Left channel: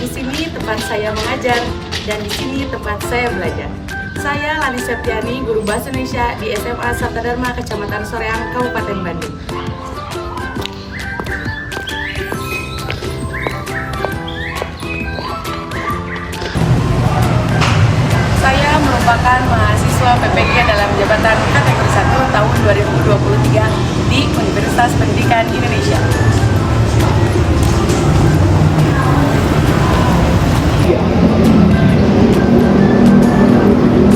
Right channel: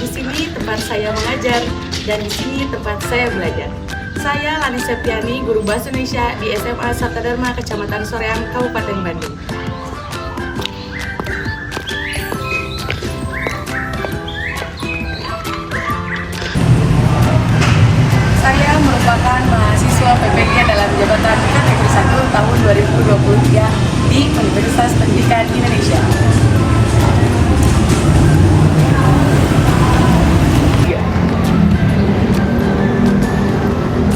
Di sini tempat saya mengajar dan di sini tempat saya belajar. Saya Lani Septiani, guru bahasa Indonesia di SMA Sabta Dharma, Kecamatan Soreang, Kabupaten Bandung. Saya merupakan mahasiswa PPG dalam jabatan kategori 1 tahun 2023 di Universitas Pendidikan Indonesia.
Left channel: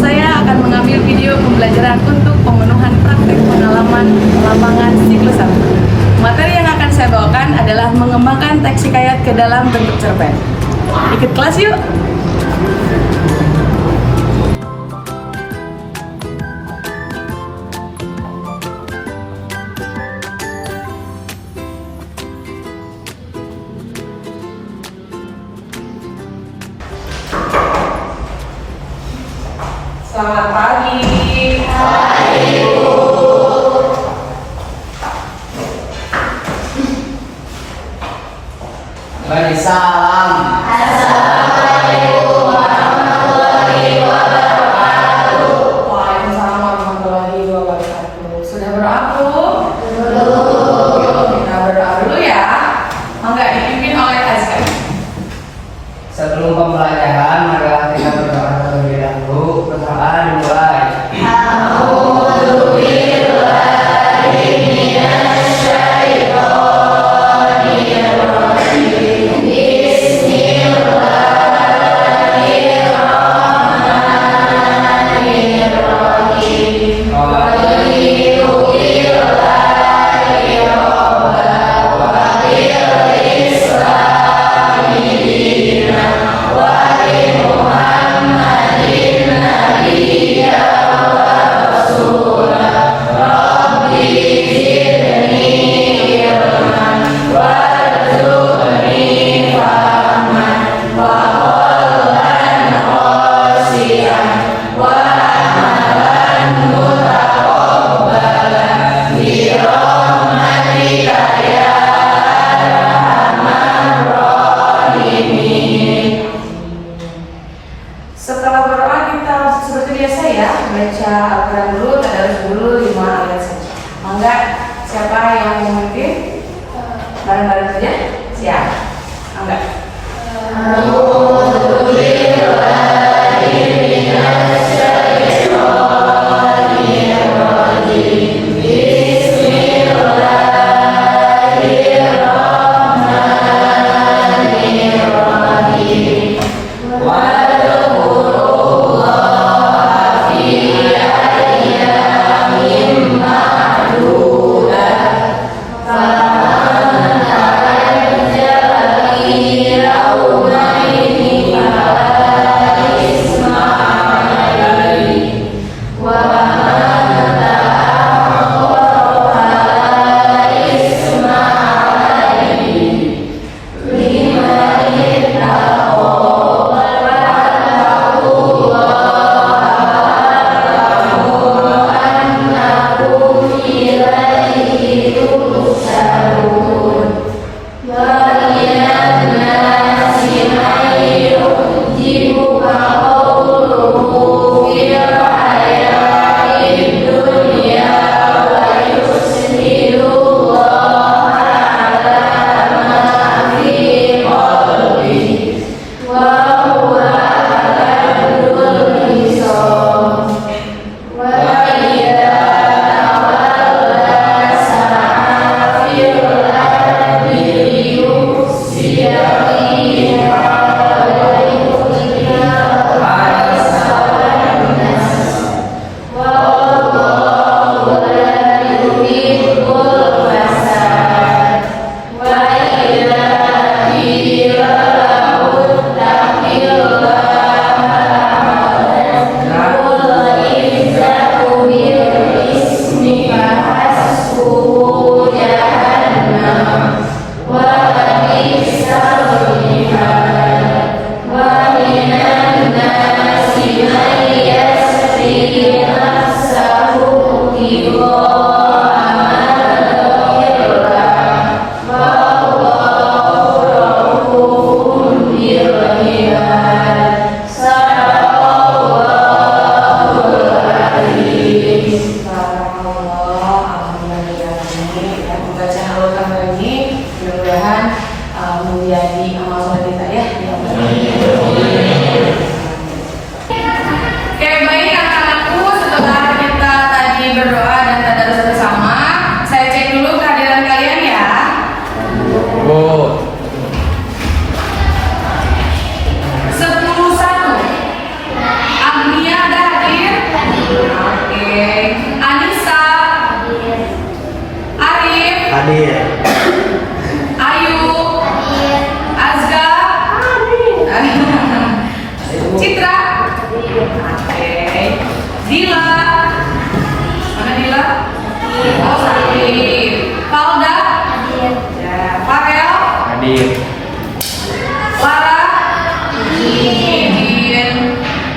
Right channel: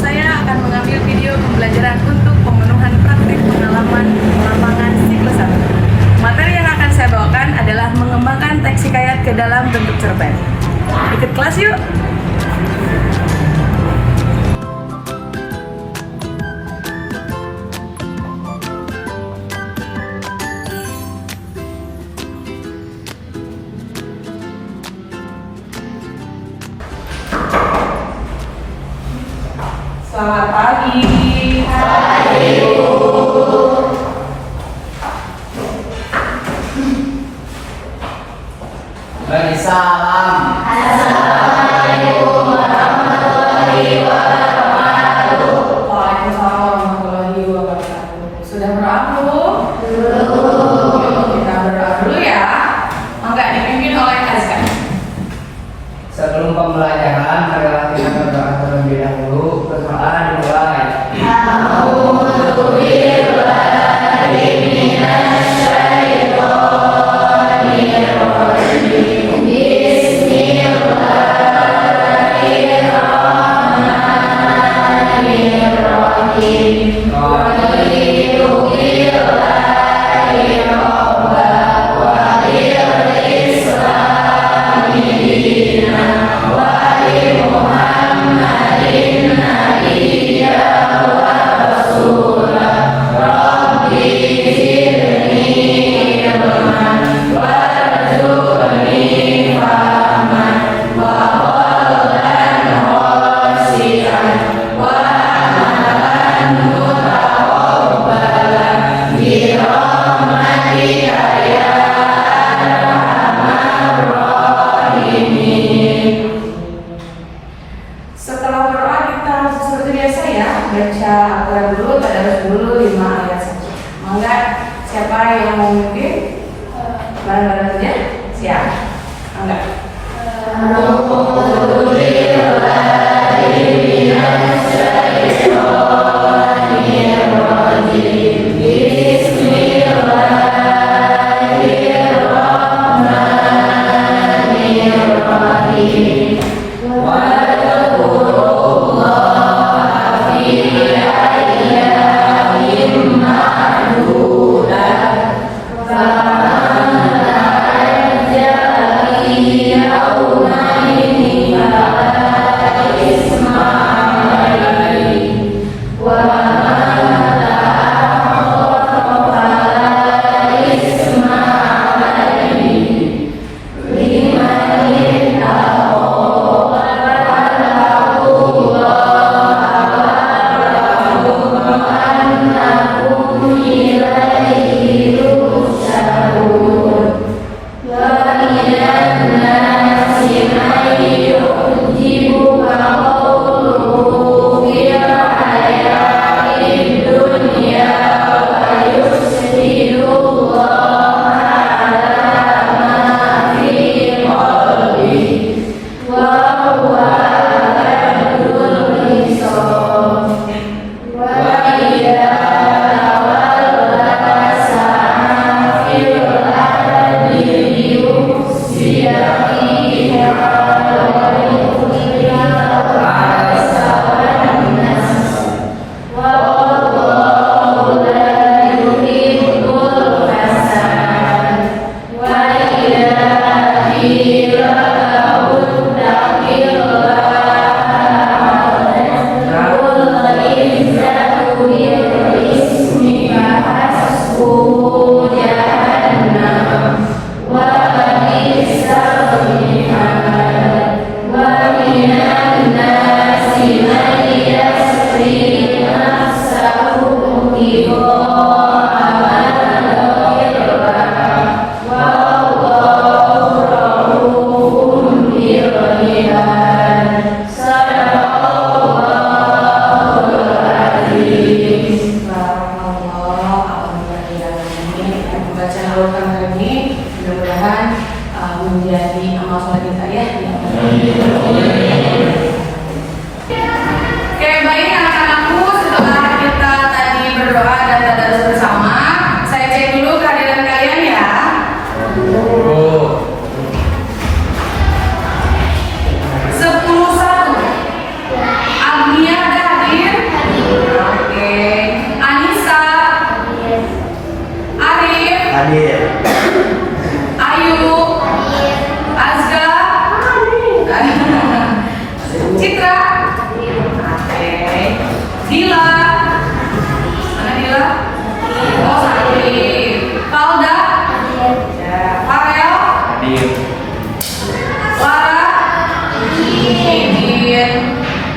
Saya akan mengambil video pembelajaran untuk pemenuhan praktek pengalaman lapangan tipe 1. Materi yang akan saya bawakan adalah mengembangkan teks hikayat ke dalam bentuk cerpen. Ikut kelas yuk! Selamat pagi. Pagi, Bu. Salam. Assalamualaikum warahmatullahi wabarakatuh. Waalaikumsalam warahmatullahi wabarakatuh. Sudah berdoa belum? Belum. Kita berdoa dulu ya. Mangga dipimpin oleh Azka. Sebelum pembelajaran, marilah kita berdoa terlebih dahulu. Berdoa dimulai. Setelah berdoa kita seperti biasa ya, baca Al-Quran dulu, tadarus dulu 5 ayat saja. Mangga, siapa yang mau memimpin? Bareng-bareng saja? Siap? Mangga. Allahumma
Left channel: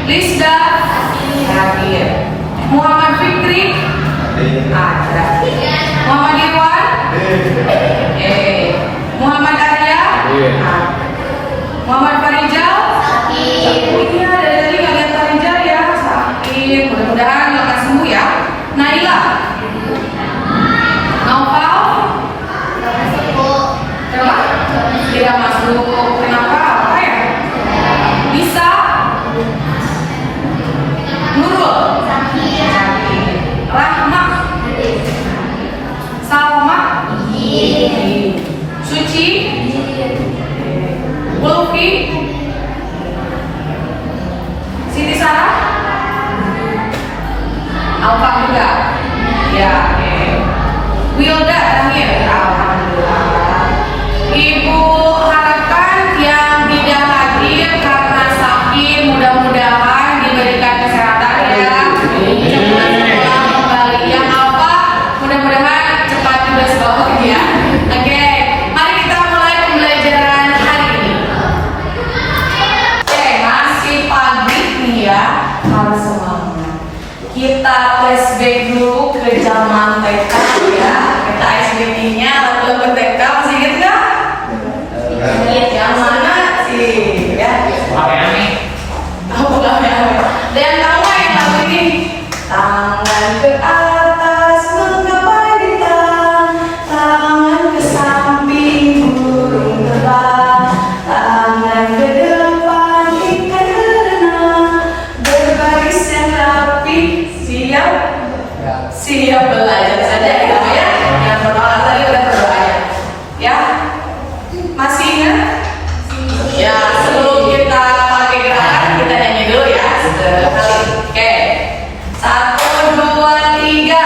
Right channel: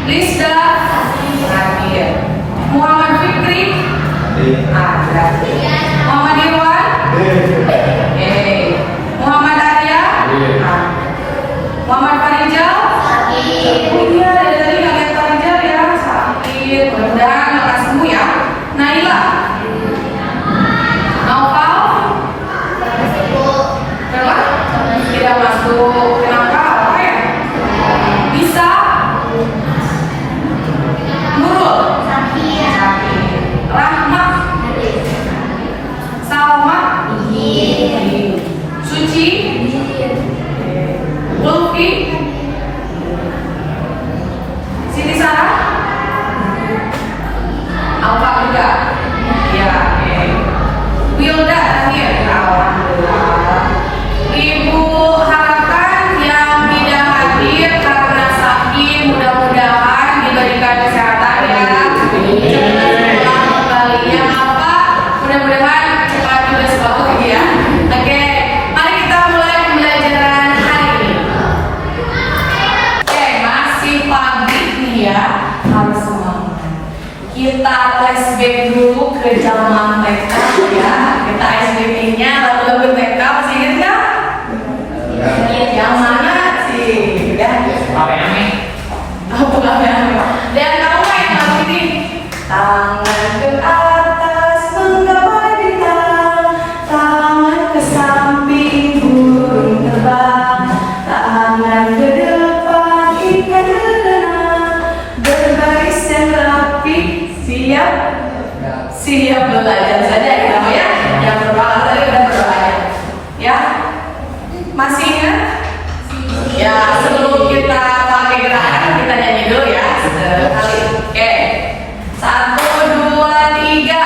Lisda hadir. Muhammad Fikri ada. Muhammad Irwan Muhammad Arya ada. Muhammad Farijal iya dari nggak lihat Farijal ya sakit mudah-mudahan lekas sembuh ya. Naila Naufal kenapa tidak masuk kenapa apa ya bisa Nurul Rahma Salma Suci Ulfi Siti Sarah Alfa juga ya Wilda terakhir alhamdulillah. Ibu harapkan yang tidak hadir karena sakit mudah-mudahan diberikan kesehatan ya cepat pulang kembali yang Alfa mudah-mudahan cepat juga sekolah ya. Oke, mari kita mulai pembelajaran hari ini. Oke, masih pagi nih ya, harus semangat. Kita flashback dulu ke zaman TK ya. Kita SBB-nya lagu-lagu TK masih ingat nggak? Yang mana sih? Ya. Apa yang ini? Tahu nggak ya? Ada yang tahu nggak yang lagu ini? Tangan ke atas menggapai bintang, tangan ke samping burung terbang, tangan ke depan ikat renang, berbaris yang rapi, siap belajar saja gitu ya. Jangan berbalas saja udah berbahaya. Ya, masih ingat? Ya, sebelum kita pakai gerakan kita nyanyi dulu ya sekali. Oke, 1, 2, 3.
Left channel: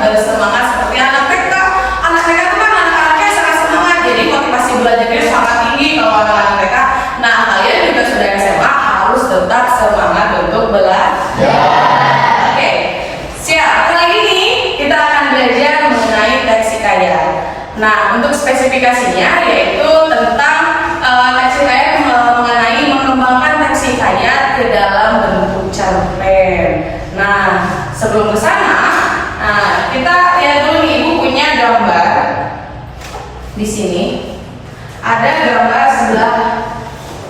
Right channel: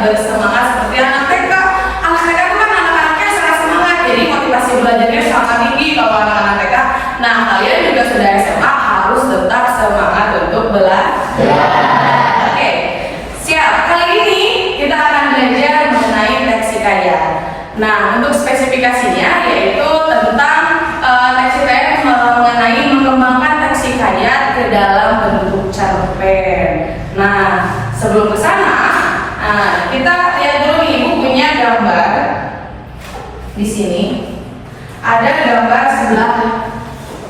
Bersemangat seperti anak TK. Anak TK itu kan anak-anaknya sangat semangat, jadi motivasi belajarnya sangat tinggi kalau anak-anak TK. Nah, kalian juga sudah SMA harus tetap semangat untuk belajar. Oke, siap. Kali ini kita akan belajar mengenai teks hikayat. Nah, untuk spesifikasinya yaitu tentang teks hikayat mengenai mengembangkan teks hikayat ke dalam bentuk cerpen. Nah, sebelum ke sana kita lihat dulu nih bukunya gambar. Di sini ada gambar sebelah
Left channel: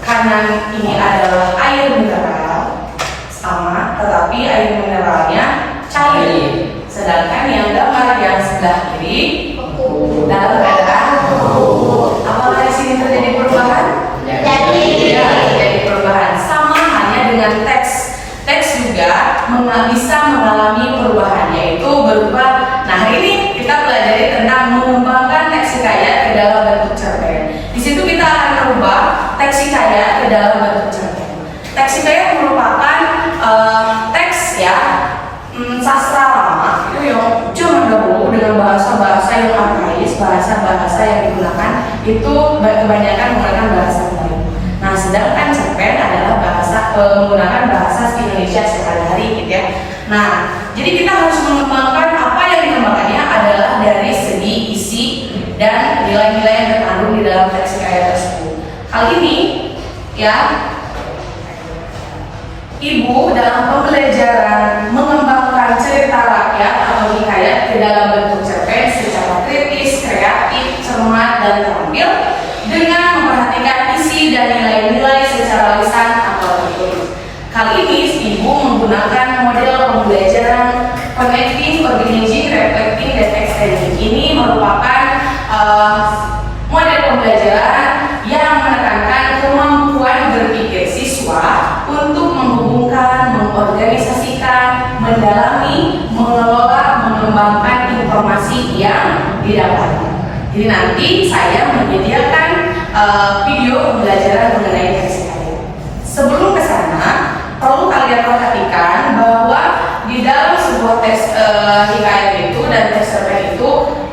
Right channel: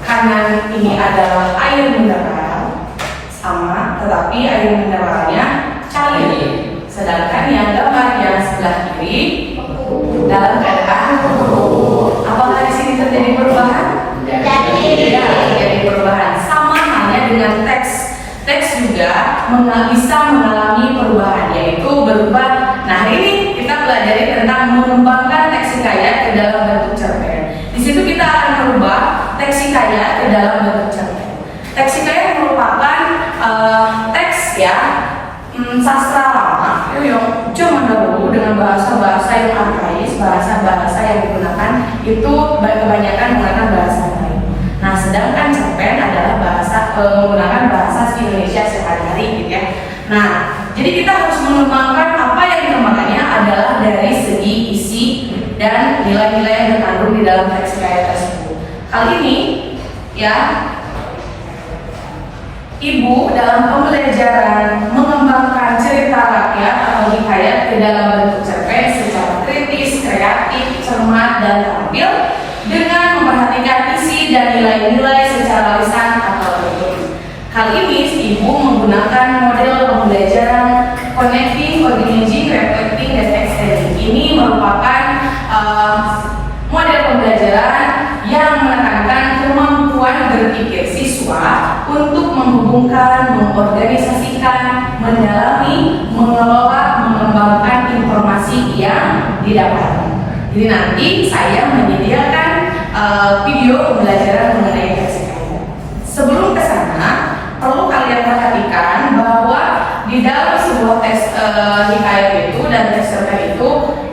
kanan ini adalah air mineral sama, tetapi air mineralnya cair. Sedangkan yang gambar yang sebelah kiri dalam keadaan apakah di sini terjadi perubahan? Terjadi perubahan. Sama halnya dengan teks. Teks juga bisa mengalami perubahan, yaitu berupa. Nah, hari ini kita pelajari tentang mengembangkan teks hikayat ke dalam bentuk cerpen. Di situ kita akan merubah teks hikayat ke dalam bentuk cerpen. Teks hikayat merupakan teks ya sastra lama yang zaman dahulu dengan bahasa-bahasa yang arkais, bahasa-bahasa yang digunakan itu kebanyakan menggunakan bahasa Melayu. Nah, sedangkan cerpen adalah menggunakan bahasa Indonesia sehari-hari gitu ya. Nah, jadi kita harus mengembangkan apa yang dikembangkannya adalah dari segi isi dan nilai-nilai yang terkandung di dalam teks hikayat tersebut. Kali ini ya Ibu dalam pembelajaran mengembangkan cerita rakyat atau hikayat ke dalam bentuk cerpen secara kritis, kreatif, cermat, dan terampil dengan memperhatikan isi dan nilai-nilai secara lisan atau tertulis. Kali ini ibu menggunakan model pembelajaran connecting, organizing, reflecting, dan extending. Ini merupakan model pembelajaran yang menekankan kemampuan berpikir siswa untuk menghubungkan, mengorganisasikan, mendalami, mengelola, mengembangkan informasi yang didapatkan. Jadi nanti saya menyediakan video pembelajaran mengenai teks hikayat. Sebelum ke sana, perlu kalian perhatikan bahwa di dalam sebuah teks hikayat itu dan teks cerpen itu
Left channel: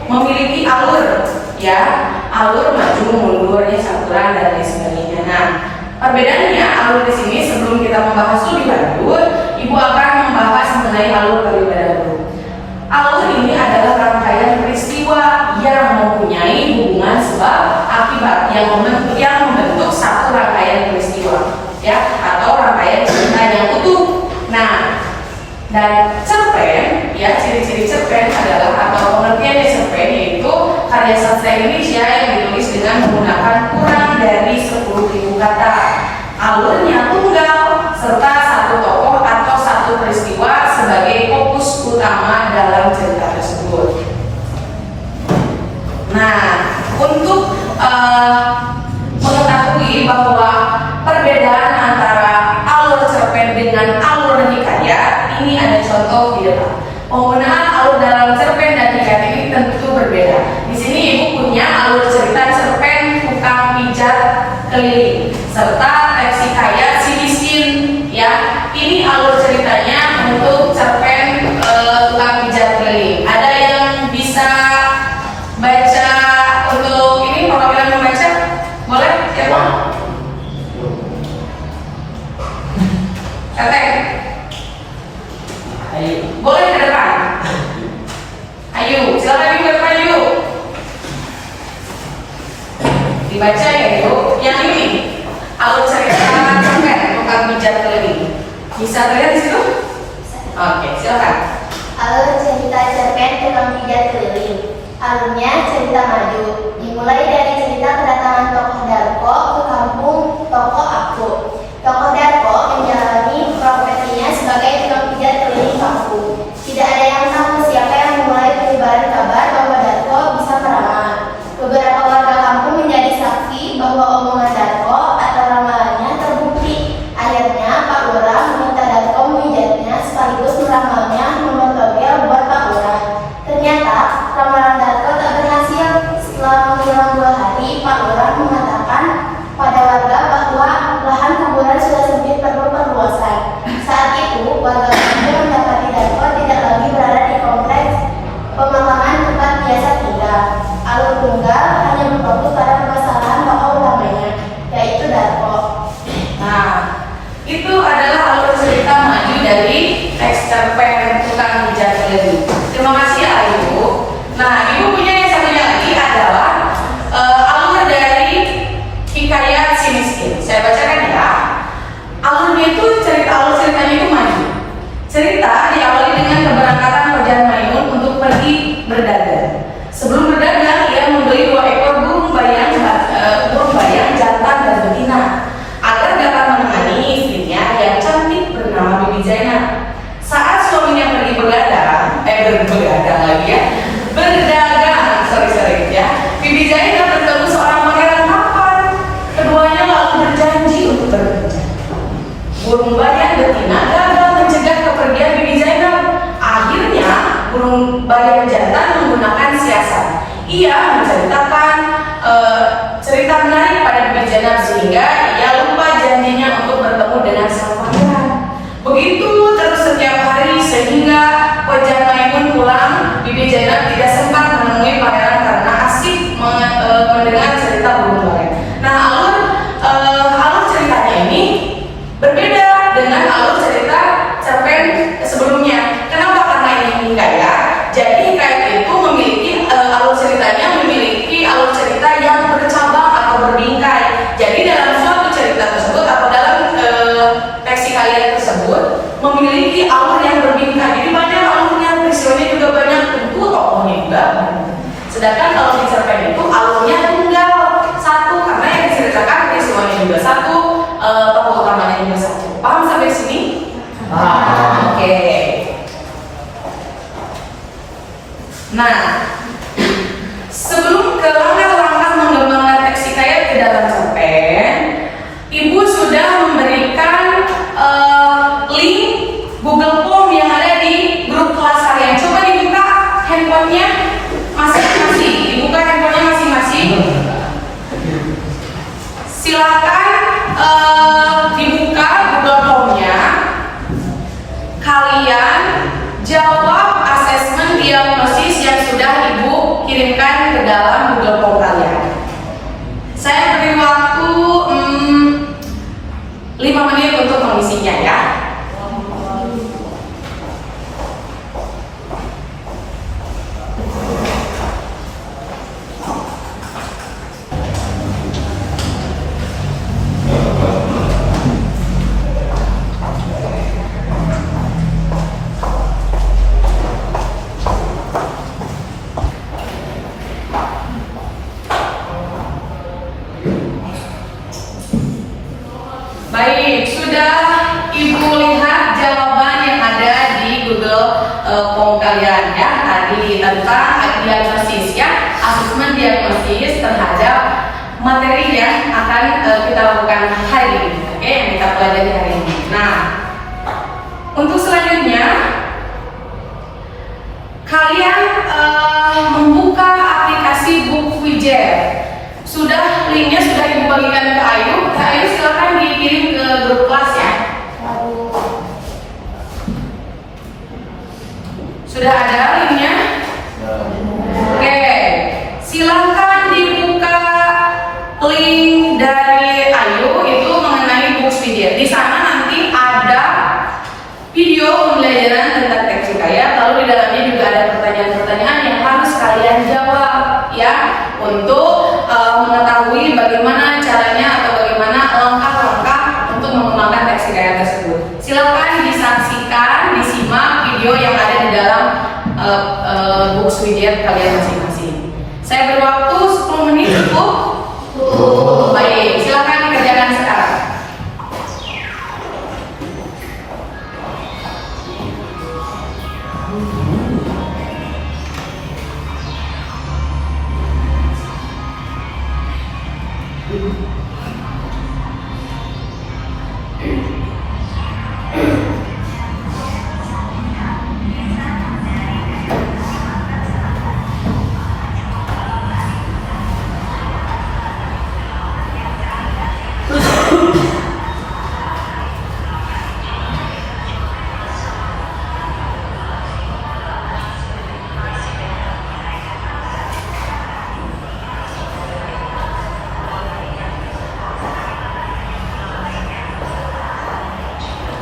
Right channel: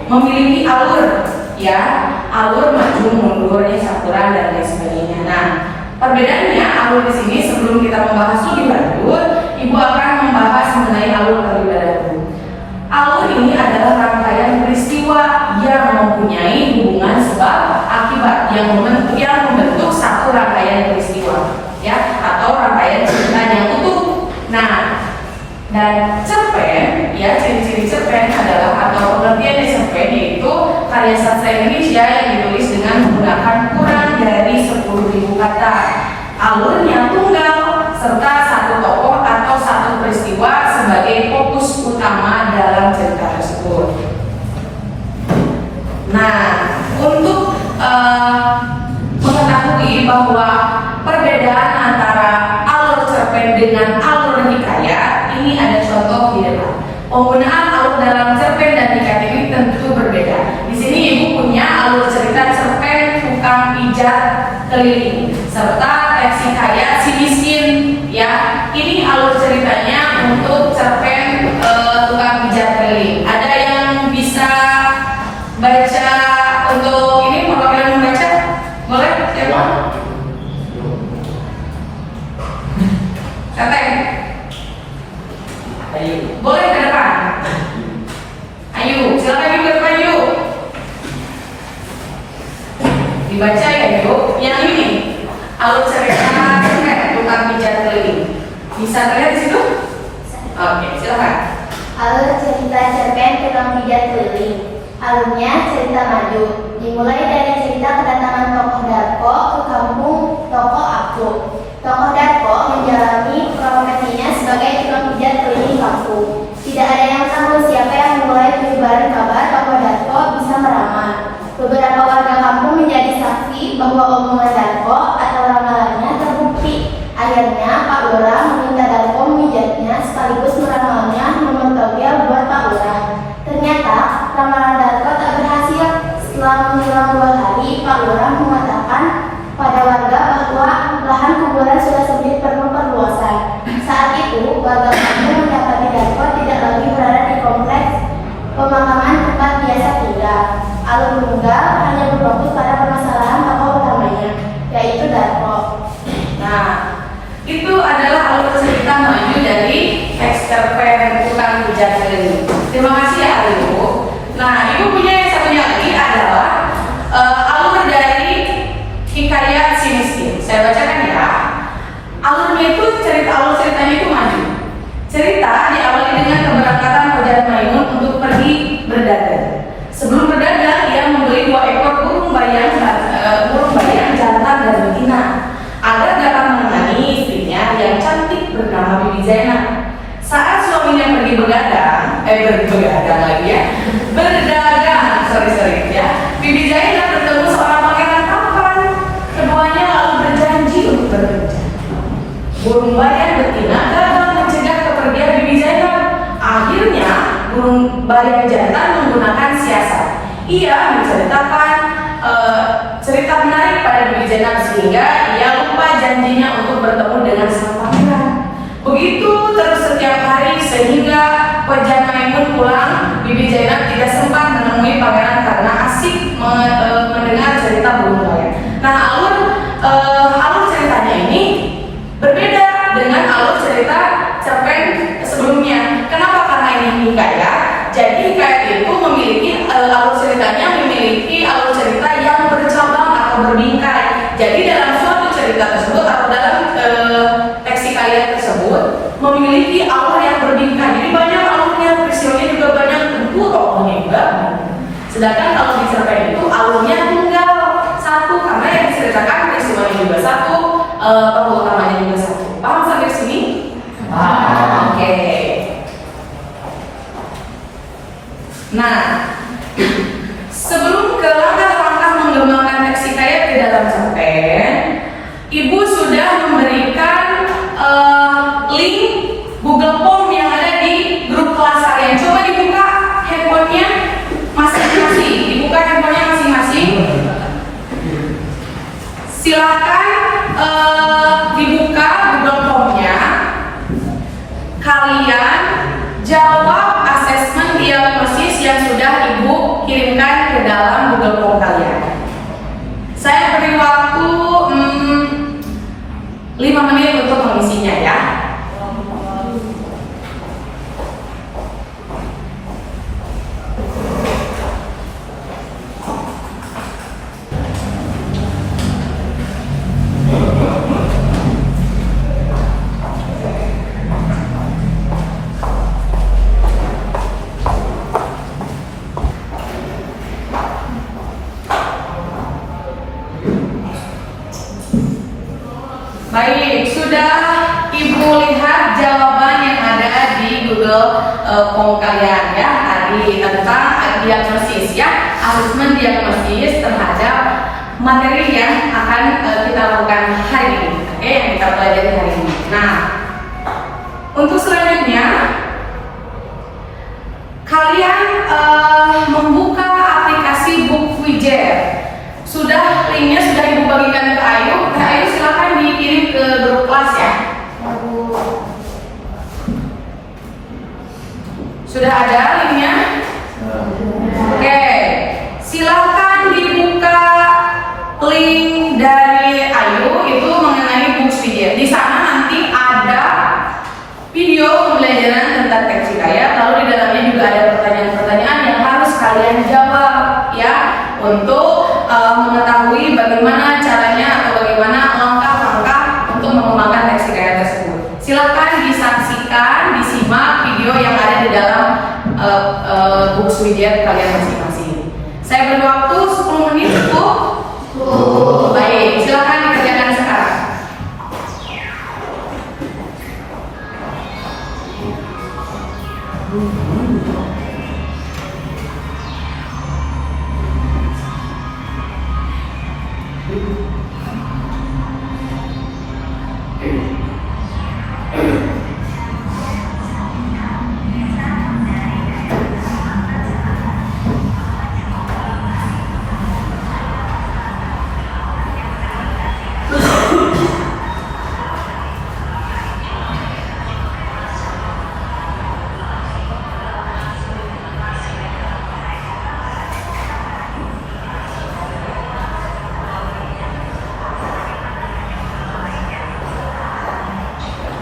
memiliki alur, ya, alur maju mundur, campuran dan lain sebagainya. Nah, perbedaannya alur di sini sebelum kita membahas lebih lanjut, ibu akan membahas mengenai alur terlebih dahulu. Alur ini adalah rangkaian peristiwa yang mempunyai hubungan sebab akibat yang membentuk satu rangkaian peristiwa, ya, atau rangkaian cerita yang utuh. Nah, dan cerpen, ya, ciri-ciri cerpen adalah atau pengertian cerpen yaitu karya sastra Indonesia yang ditulis dengan menggunakan kurang dari 10.000 kata. Alurnya tunggal serta satu tokoh atau satu peristiwa sebagai fokus utama dalam cerita tersebut. Nah, untuk mengetahui bahwa perbedaan antara alur cerpen dengan alur hikayat, ini ada contoh di depan. Penggunaan alur dalam cerpen dan hikayat ini tentu berbeda. Di sini ibu punya alur cerita cerpen tukang pijat keliling serta teks hikayat si miskin, ya. Ini alur ceritanya untuk cerpen tukang pijat keliling. Ada yang bisa baca untuk ini perwakilan membaca? Boleh? Siapa? Teteh. Ayo. Boleh ke depan? Ayo, silakan ibu ke depan yuk. Dibaca ya yuk. Yang ini alur cerita cerpen tukang pijat keliling. Bisa terlihat di situ? Oke, silakan. Alur cerita cerpen tukang pijat keliling. Alurnya cerita maju, dimulai dari cerita kedatangan tokoh Darko ke kampung Toko Aku. Tokoh Darko menjalani profesinya sebagai tukang pijat keliling kampung. Tidak ada yang tahu siapa yang mulai menyebarkan kabar bahwa Darko bisa meramal. Beberapa warga kampung menjadi saksi bahwa omongan Darko atau ramalannya terbukti. Akhirnya Pak Lurah meminta Darko memijatnya sekaligus meramalnya nomor togel buat Pak Lurah. Ternyata ramalan Darko tak berhasil. Setelah menjelang 2 hari, Pak Lurah mengatakan pada warga bahwa lahan kuburan sudah sempit perlu perluasan. Saat itu, warga kampung mendapati Darko tidak lagi berada di kompleks pemakaman tempat biasa tinggal. Alur tunggal hanya berfokus pada permasalahan tokoh utamanya, yaitu Darko. Nah, itu adalah alur cerita maju dari teks cerpen tukang pijat keliling. Terima kasih ya Ibu. Nah, Ibu punya yang satunya lagi adalah alur dari hikayat si miskin. Saya bacakan ya. Alurnya itu alur ceritanya itu maju. Cerita diawali dengan keberangkatan Pajar Maimun untuk pergi berdagang. Sebelum berdagang, ia membeli 2 ekor burung bayang jantan dan betina agar dapat menemani istrinya yang cantik bernama Bibi Zainab. Saat suaminya pergi berdagang ya. Bibi Zainab bertemu seorang pangeran tampan. Keduanya lalu berjanji untuk berkencan. Burung bayang betina gagal mencegah kepergian Bibi Zainab. Akhirnya burung bayang jantan menggunakan siasat. Ia menceritakan cerita menarik pada Bibi Zainab sehingga ia lupa janjinya untuk bertemu dengan sang pangeran. Begitu terus setiap hari sehingga Pajar Maimun pulang, Bibi Zainab tidak sempat menemui pangeran karena asik mendengar cerita burung bayang. Nah, alur ceritanya ini berbeda dengan alur cerita cerpen sebelumnya. Kenapa? Karena ini hikayat. Jadi hikayat itu memiliki alur ceritanya memiliki alur cerita yang bercabang atau berbingkai. Jadi dalam suatu cerita tersebut atau dalam teks hikayat tersebut Sedangkan kalau di cerpen itu alurnya tunggal satu, karena yang diceritakan peristiwanya juga satu, tokoh utamanya juga satu. Paham sampai sini? Oke. Nah, sebelum ke langkah-langkah mengembangkan teks hikayat ke dalam cerpen, Ibu sudah memberikan link Google Form yang ada di grup kelas kalian. Coba dibuka handphonenya masing-masing. Dibuka handphonenya masing-masing. Silakan dibuka Google Form-nya. Kalian jawab asesmen diagnosis yang sudah Ibu kirimkan ke dalam Google Form kalian. Saya beri waktu 5 menit untuk mengisinya ya. Baik, sudah Ibu lihat jawaban yang ada di Google Form kalian ya, tadi tentang diagnosis ya, asesmen diagnosis terhadap materi yang akan kita lakukan hari ini, oke, yang kita pelajari hari ini. Nah, untuk selanjutnya kalian membuka aplikasi Book Widget. Sudah linknya sudah Ibu bagikan ke Ayu. Ayu silakan dikirim ke grup kelas ya. Sudah ada linknya? Oke, silakan dibuka link dari Ayu itu mengenai Book Widget. Di sana nanti ada video pembelajaran tentang teks hikayat. Lalu di dalamnya juga ada pertanyaan-pertanyaan yang harus kalian jawab ya, untuk mengetahui bagaimana caranya atau bagaimana langkah-langkah untuk mengembangkan teks hikayat tersebut. Silakan disaksikan, disimak video yang ada di dalam Book Widget kalian masing-masing. Saya beri waktu 10 menit cukup. Baik, silakan dikerjakan sekarang.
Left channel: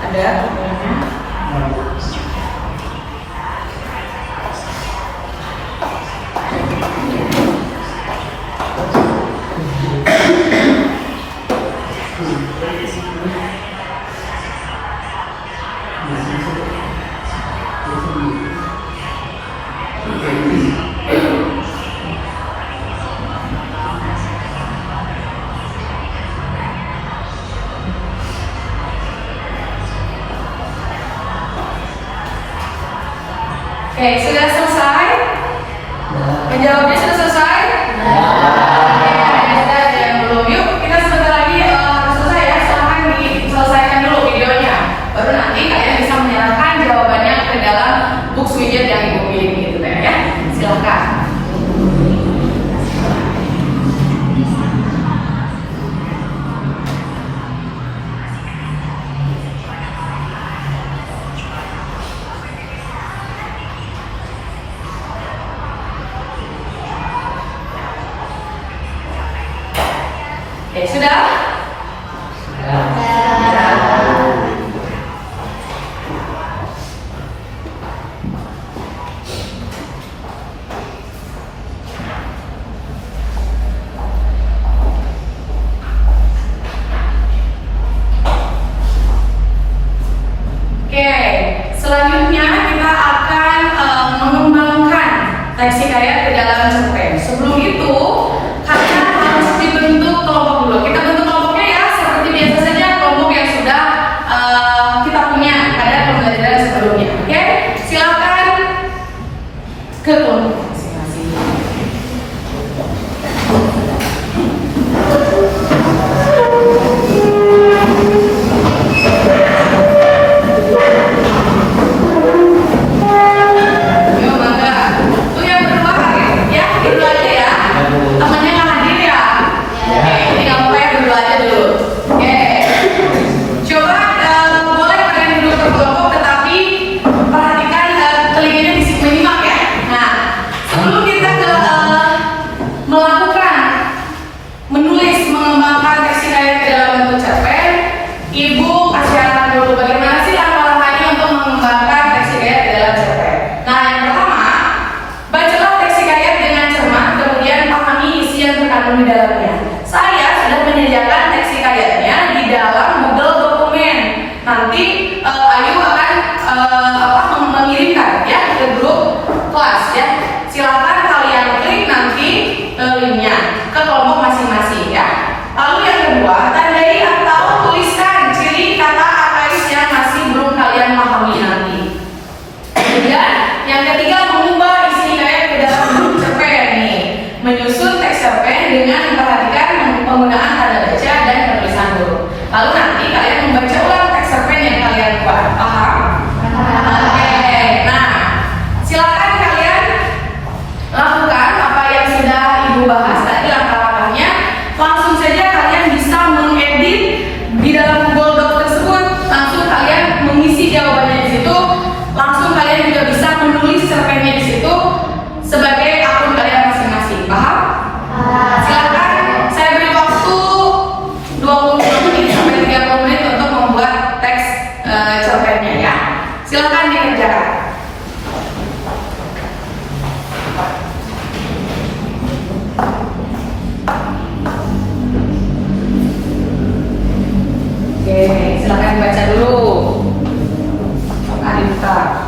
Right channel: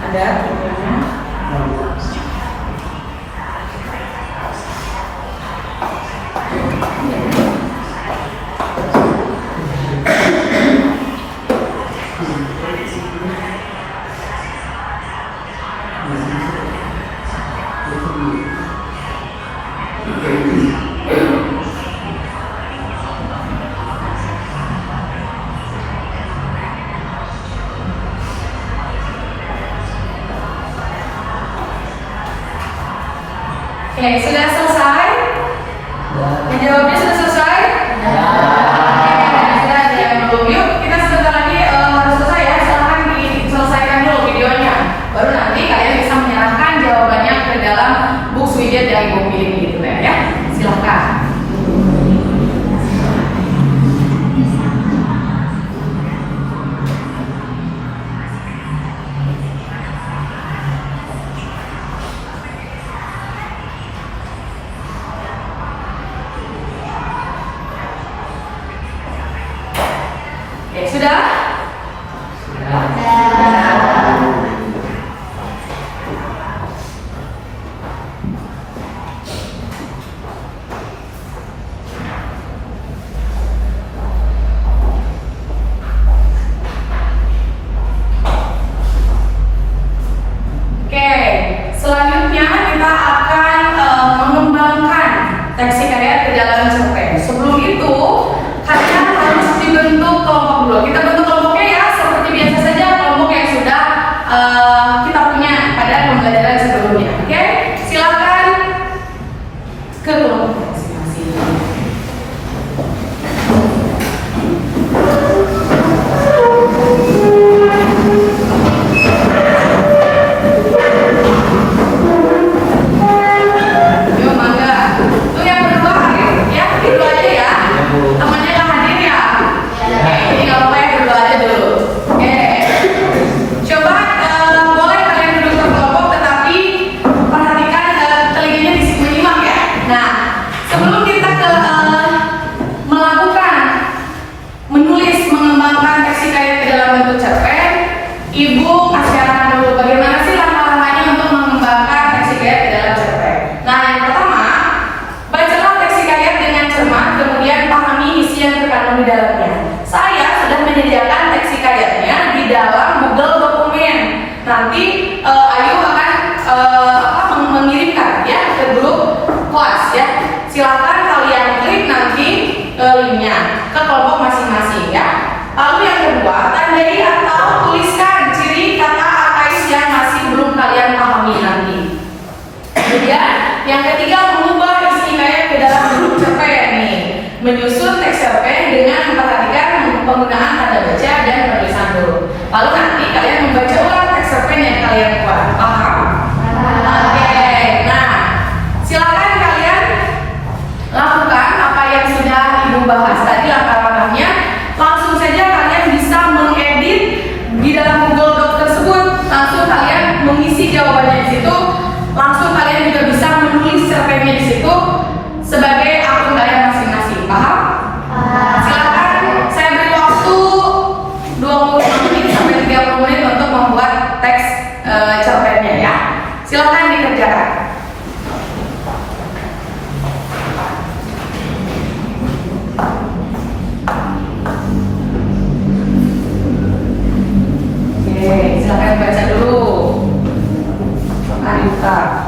Ada? Oke, sudah selesai? Menjawabnya sudah selesai? Kita jalan dulu. Yuk, kita sebentar lagi harus selesai ya. Silahkan diselesaikan dulu videonya. Baru nanti kalian bisa menyerahkan jawabannya ke dalam Book Widget yang Ibu pilih gitu ya. Silahkan. jawabannya di situ, langsung kalian juga bisa menulis cerpennya di situ sebagai akun kalian masing-masing. Paham? Silakan saya beri waktu 20 menit sampai 30 menit untuk membuat teks cerpennya ya. Silakan dikerjakan. Oke, silakan baca dulu. Dibuka.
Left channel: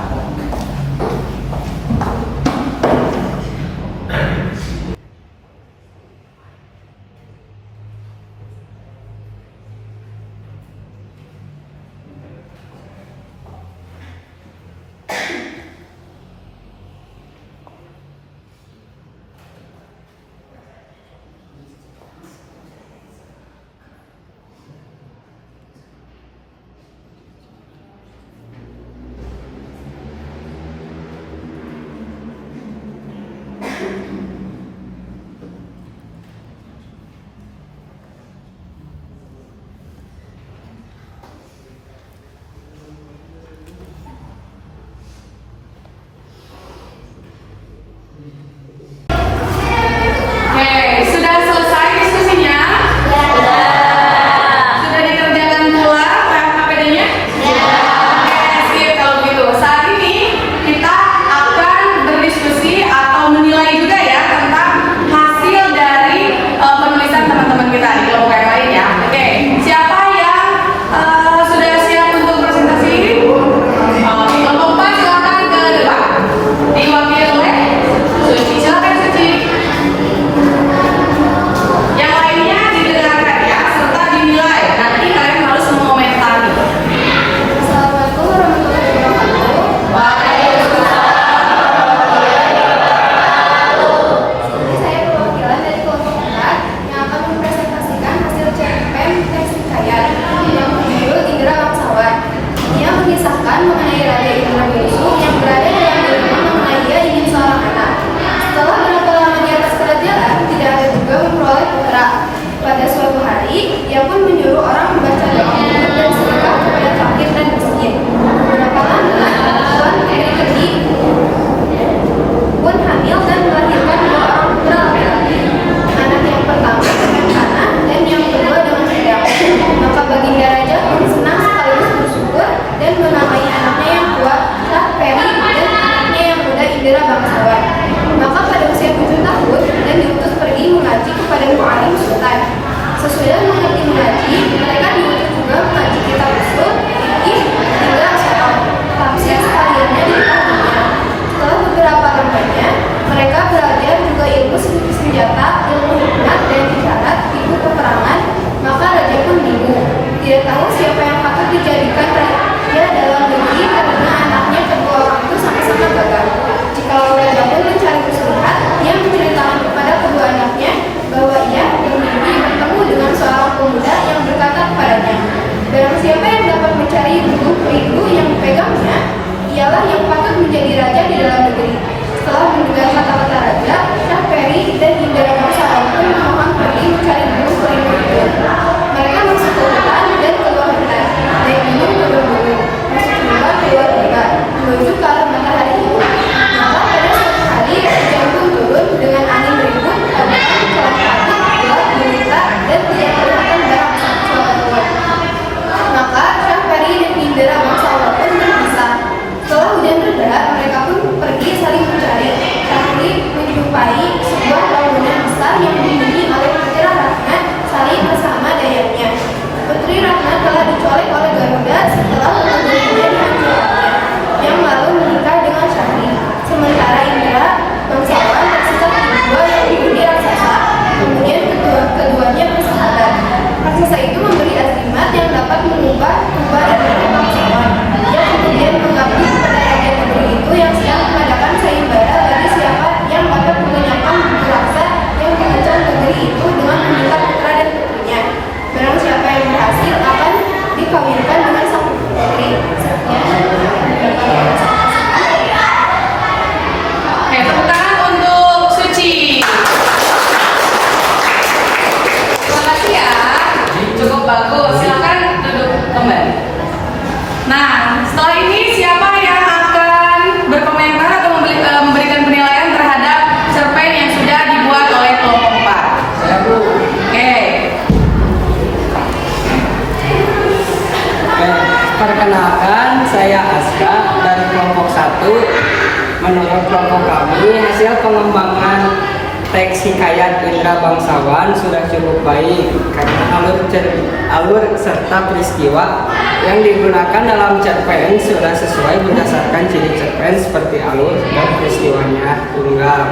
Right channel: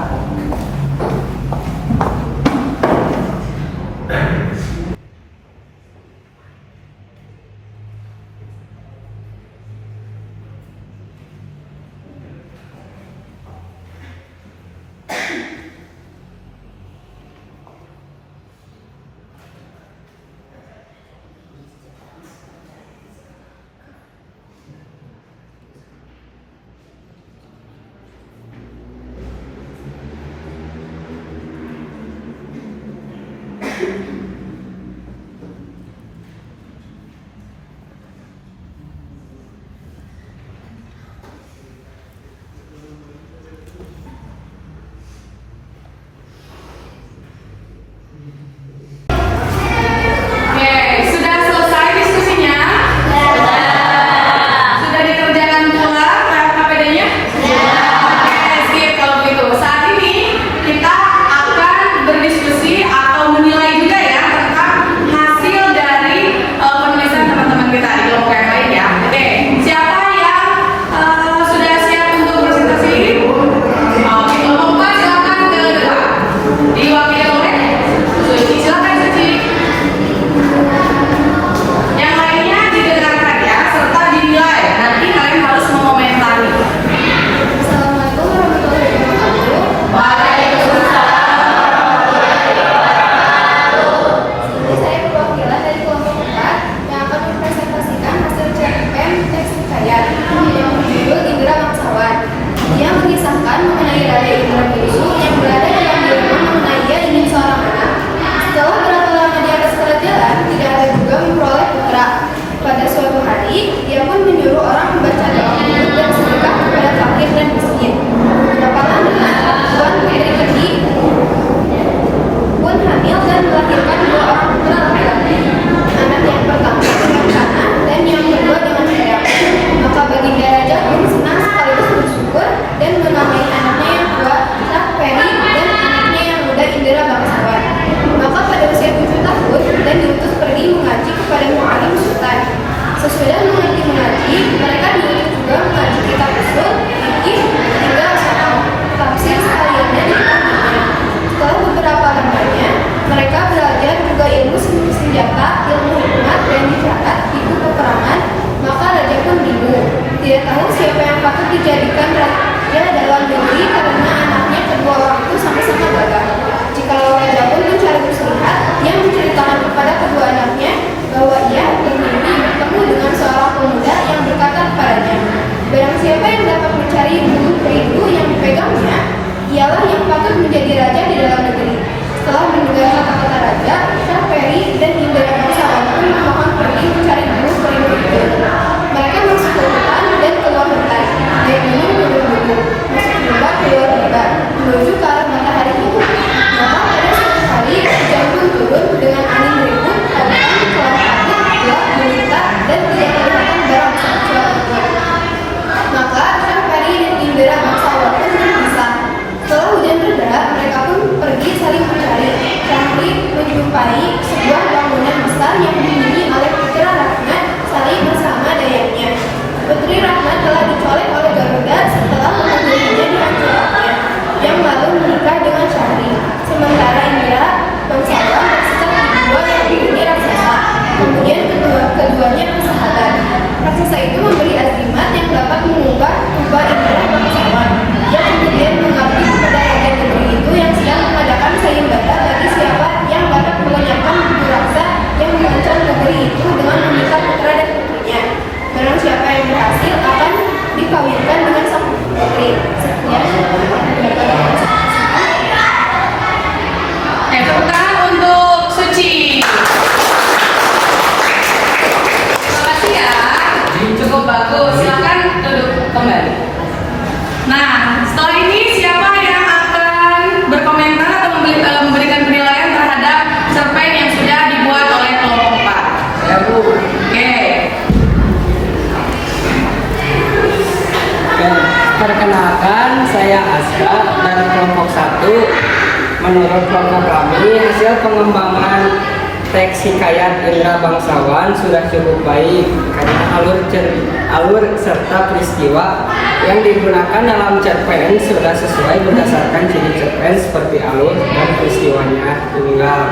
Sesudah mengerti mengaji, mereka diutus juga mengaji kitab usul, fikih, hingga soal tafsir sekaliannya di kitabnya. Setelah beberapa lamanya, mereka belajar juga ilmu senjata, ilmu hikmat dan isyarat, ilmu peperangan. Maka raja pun bingung, tidak tahu siapa yang patut dijadikan raja dalam negeri karena anaknya kedua orang itu sama-sama gagah. Jikalau raja pun mencari muslihat, ia menceritakan kepada kedua anaknya bahwa ia bermimpi bertemu dengan seorang pemuda yang berkata kepadanya, barang siapa yang dapat mencari bulu perigu yang dipegangnya, ialah yang patut menjadi raja di dalam negeri. Setelah mendengar kata-kata raja, Syah Peri dan Indra bangsawan pun memohon pergi mencari bulu perigu itu. Mereka masuk ke hutan dan keluar hutan, naik gunung turun gunung, masuk lembah keluar lembah, menuju ke arah matahari itu. Maka pada suatu hari, hujan pun turun dengan angin beribut, keadaan kelam kabut, gelap gulita, dan tidak kelihatan barang kecuali Tuhan. Maka Syah Peri dan Indra bangsawan pun berpisah. Setelah hujan reda, mereka pun pergi saling mencari. Syahri menjumpai sebuah bangunan besar yang dihuni oleh Putri Rahmat Sari bersama dayangnya. Putri Rahmat telah dicolek oleh Garuda setelah mengunjunginya dihancurkannya, yang lalu menikah dengan Syahri. Sementara Indra bangsawan tersesat di gua yang dihuni raksasa. Kemudian keduanya bersahabat. Raksasa itu memberi azimat yang dapat mengubah Indra bangsawan. Dia kemudian mengabdi kepada raja negeri itu yang sedang mengadakan sayembara bagi siapa yang dapat melenyapkan buku raksa yang mengancam negeri itu dengan meminta putra dan putrinya. Barang siapa yang berhasil akan dikawinkan dengan sang putri. Sekian dapat tepuk tangan untuk Suci. Terima kasih ya. Cukup bagus. Silakan duduk kembali. Nah, setelah ini siapa yang akan berkomentar atau memberikan penilaian terhadap cerpen yang sudah dibuat oleh kelompok 4? Saya Bu. Oke. Oke, perkenalkan saya Aska dari kelompok 1. Menurut kelompok kami, hasil pengembangan teks hikayat Indra Bangsawan sudah cukup baik karena alur serta peristiwa yang digunakan dalam cerpen sudah sesuai berdasarkan ciri cerpen seperti alur dan peristiwanya tunggal.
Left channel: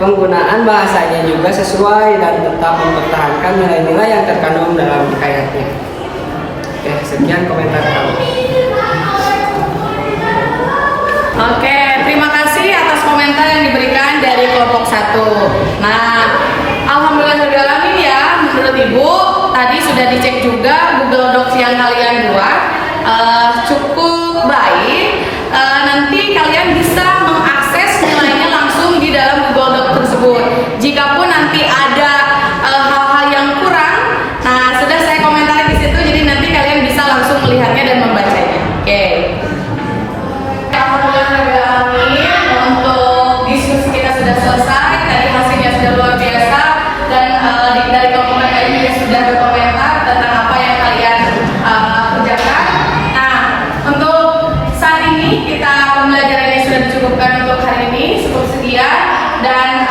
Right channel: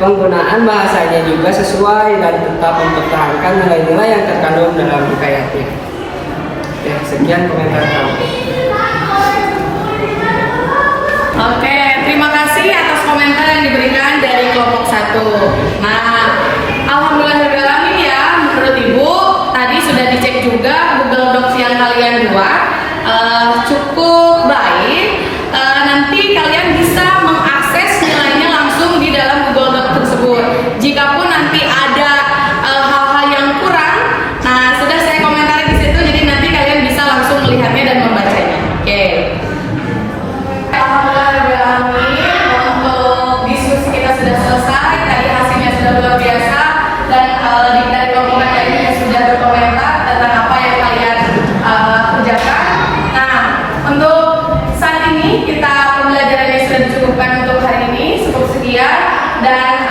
Penggunaan bahasanya juga sesuai dan tetap mempertahankan nilai-nilai yang terkandung dalam hikayatnya. Oke, sekian komentar kami. Oke, terima kasih atas komentar yang diberikan dari kelompok 1. Nah, alhamdulillah ya, menurut Ibu tadi sudah dicek juga Google Docs yang kalian buat cukup baik. Nanti kalian bisa mengakses nilainya langsung di dalam Google Docs tersebut. Jikapun nanti ada hal-hal yang kurang, nah sudah saya komentari di situ, jadi nanti kalian bisa langsung melihatnya dan membacanya. Oke. Untuk diskusi kita sudah selesai, tadi hasilnya sudah luar biasa dan dari kelompok lain juga sudah berkomentar tentang apa yang kalian kerjakan. Nah, untuk saat ini kita pembelajarannya sudah dicukupkan untuk hari ini, cukup sekian dan